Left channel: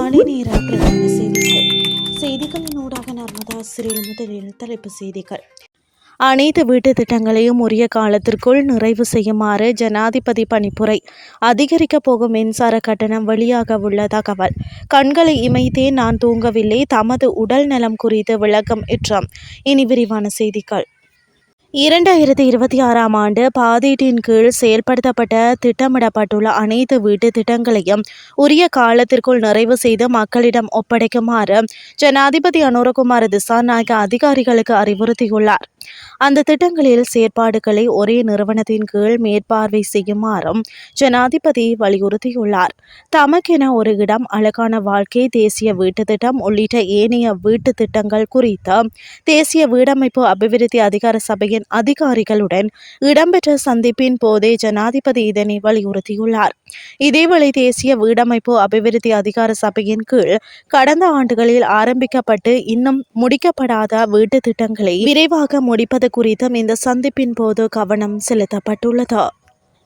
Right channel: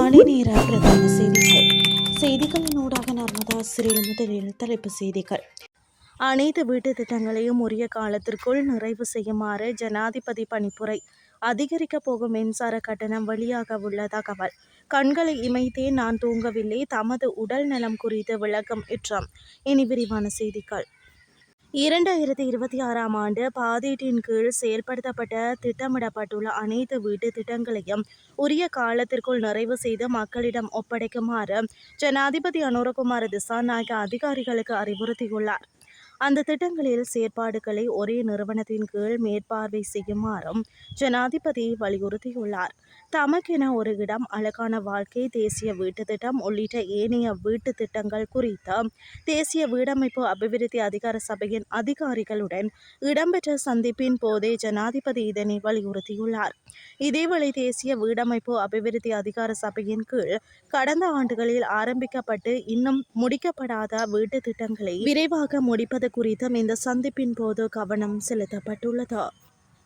காலை நேர பிரதான செய்திகள் செய்திகளின் ஊடாக நர்மதா சிறில் முதலில் தலைப்பு செய்திகள். அனைத்து வீட்டு திட்டங்களையும் உரிய காலத்திற்குள் நிறைவு செய்யுமாறு ஜனாதிபதி பணிப்புரை அதிகரிக்கப் போகும் மின்சார கட்டணம் வெளியாக உள்ள தகவல். கண்களை இமைத்தே நான் தூங்கவில்லை தமது உடல் நலம் குறித்து விளக்கம் இற்றம். இனி விரிவான செய்திகள். இரண்டாயிரத்தி இருபத்தி ஆறாம் ஆண்டு பாதீட்டின் கீழ் செயல்படுத்தப்பட்ட திட்டமிடப்பட்டுள்ள அனைத்து வீட்டு திட்டங்களையும் உரிய காலத்திற்குள் நிறைவு செய்து மக்களிடம் ஒப்படைக்குமாறு ஜனாதிபதி அனுரகுமார் திசாநாயக்க அதிகாரிகளுக்கு அறிவுறுத்தியுள்ளார். அந்த திட்டங்களில் செயற்பாடுகளை ஒரே நிறுவனத்தின் கீழ் மேற்பார்வை செய்யுமாறும் ஜனாதிபதி வலியுறுத்தியுள்ளார். தமக்கென ஒரு இடம் அழகான வாழ்க்கை தேசிய வீட்டு திட்டம் உள்ளிட்ட ஏனைய வீட்டு திட்டங்கள் குறித்த தேசிய வீடமைப்பு அபிவிருத்தி அதிகார சபையின் அதிகாரிகளுடன் இடம்பெற்ற சந்திப்பின் போதே ஜனாதிபதி இதனை வலியுறுத்தியுள்ளார். இதேவேளை தேசிய வீடமைப்பு அபிவிருத்தி அதிகார சபையின் கீழ் கடந்த ஆண்டுகளில் ஆரம்பிக்கப்பட்டு இன்னும் முடிக்கப்படாத வீட்டு திட்டங்களை விரைவாக முடிப்பது குறித்தும் இந்த சந்திப்பின் போது கவனம் செலுத்தப்பட்டுள்ளது.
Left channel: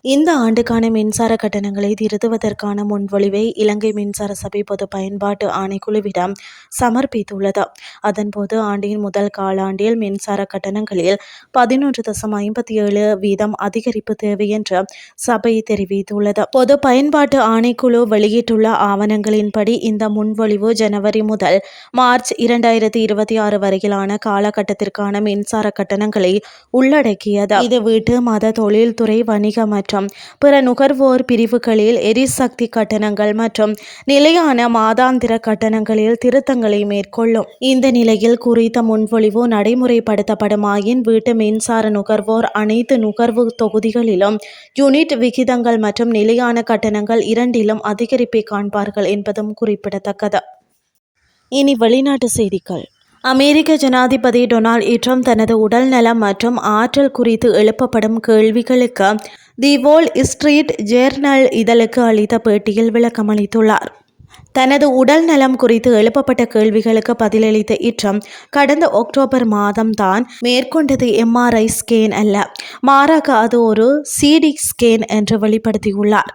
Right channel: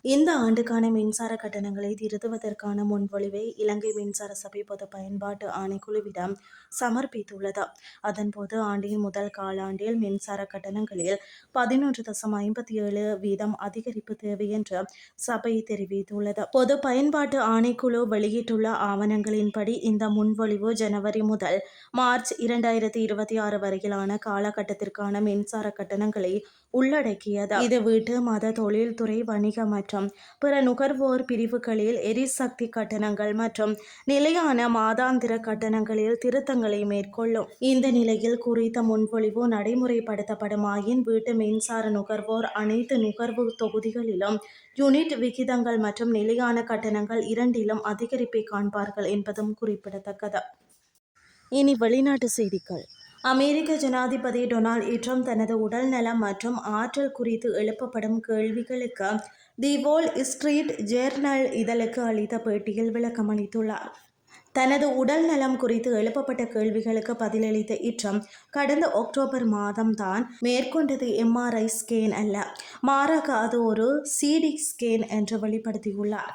இந்த ஆண்டுக்கான மின்சார கட்டணங்களை திருத்துவதற்கான முன்வொழிவை இலங்கை மின்சார சபை பொது பயன்பாட்டு ஆணைக்குழுவிடம் சமர்ப்பித்துள்ளது. அதன்போது ஆண்டின் முதல் காலாண்டில் மின்சார கட்டணங்களில் பதினொன்று தசம் ஐம்பத்தி ஏழு வீதம் அதிகரிப்பு தேவை என்று சபை தெரிவித்துள்ளது. பொது பயன்பாட்டு ஆணைக்குழு வெளியிட்டுள்ள ஆவணங்களின்படி இந்த முன்வொழிவு ஜனவரி முதல் மார்ச் இரண்டாயிரத்தி இருபத்தி ஆறு வரையிலான காலகட்டத்திற்கான மின்சார கட்டணங்களை உள்ளடக்கியது. இது வீட்டு மத தொழில்துறை வணிக மற்றும் பிற நுகர்வோர் பிரிவுகளில் எரிசக்தி கட்டணங்கள் மற்றும் நிலையான மாதாந்திர கட்டணங்களில் திருத்தங்களை மேற்கொள்ளும். இந்த நிலையில் குறித்த முன்மொழிவு நடைமுறைப்படுத்தப்படுமாயின் வீட்டு மின்சார நுகர்வோர் அனைத்து நுகர்வு தொகுதிகளிலும் யூனிட் விகிதங்கள் மற்றும் நிலையான கட்டணங்கள் இரண்டிலும் அதிகரிப்பை காண்பார்கள் என்பதும் குறிப்பிடத்தக்கது. இனி வெளிநாட்டு செய்திகள். அமெரிக்க ஜனாதிபதி டொனால்ட் ட்ரம்ப் தனது உடல் நலம் மற்றும் ஆற்றல் குறித்து எழுப்பப்படும் கேள்விகளுக்கு தி வோல் ஸ்ட்ரீட் ஜேர்னல் இதழுக்கு அளித்த பேட்டியில் விளக்கமளித்துள்ளார். தனது உடல் நலம் குறித்து எழுப்பப்பட்ட கேள்விகளுக்கு பதிலளித்த இட்ரம் கடந்த அக்டோபர் மாதம்தான் மேற்கொண்டது எம்ஆர்ஐ ஸ்கேன் அல்ல மாறாக அது ஒரு சிடி ஸ்கேன் என்று வெளிப்படுத்தியுள்ளார்.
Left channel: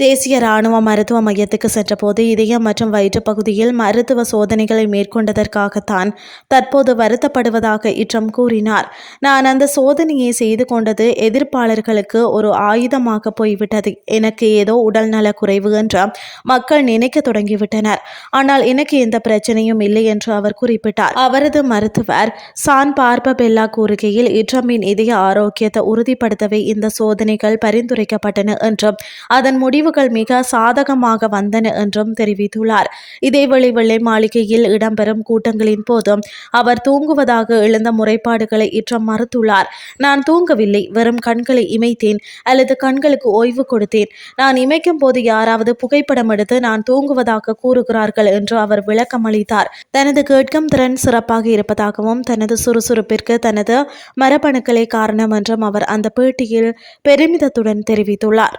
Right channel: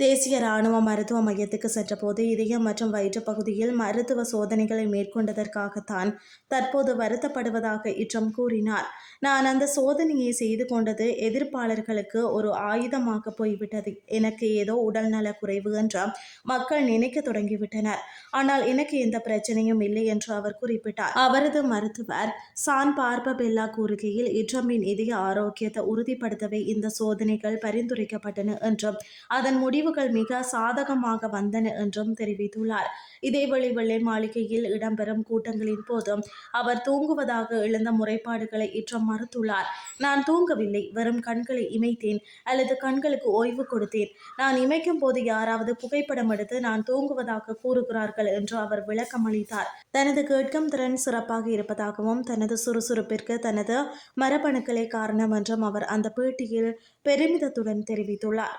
தேசிய இராணுவ மருத்துவ மையத்துக்கு சென்றபோது இதயம் மற்றும் வயிற்று பகுதியில் மருத்துவ சோதனைகளை மேற்கொண்டதற்காகத்தான் தற்போது வருத்தப்படுவதாக இட்ரம் கூறினார். நான் அந்த சோதனையை செய்து கொண்டது எதிர்ப்பாளர்களுக்கு ஒரு ஆயுதமாக போய்விட்டது. எனக்கு ஏதோ உடல்நல குறைவு என்று மக்கள் நினைக்க தொடங்கிவிட்டனர். ஆனால் எனக்கு எந்த பிரச்சனையும் இல்லை என்று அவர் குறிப்பிட்டார். அவரது மருத்துவர் சான் பார்பபெல்லா கூறுகையில் இட்ரமின் இதய ஆரோக்கியத்தை உறுதிப்படுத்தவே இந்த சோதனைகள் பரிந்துரைக்கப்பட்டன என்றும் அதன் முடிவு முடிவுகள் மிக சாதகமாக வந்தன என்றும் தெரிவித்துள்ளார். இதேவேளை வெள்ளை மாளிகையில் இடம்பெறும் கூட்டங்களின் போதும் அவர் தூங்குவதாக எழுந்த முறைப்பாடுகளை இற்றம் மறுத்துள்ளார். நான் தூங்கவில்லை. வெறும் கண்களை இமைத்தேன். அல்லது கண்களுக்கு ஓய்வு கொடுத்தேன். நான் இமைக்கும் போது யாராவது புகைப்படம் எடுத்து நான் தூங்குவதாக கூறுகிறார்கள் என்று அவர் விளக்கம் அளித்தார். தனது கேட்கும் திறன் சிறப்பாக இருப்பதாகவும் தனது சுறுசுறுப்பிற்கு தனது மரபணுக்களே காரணம் என்றும் அவர் அந்த பேட்டியில் பெருமிதத்துடன் தெரிவித்துள்ளார்.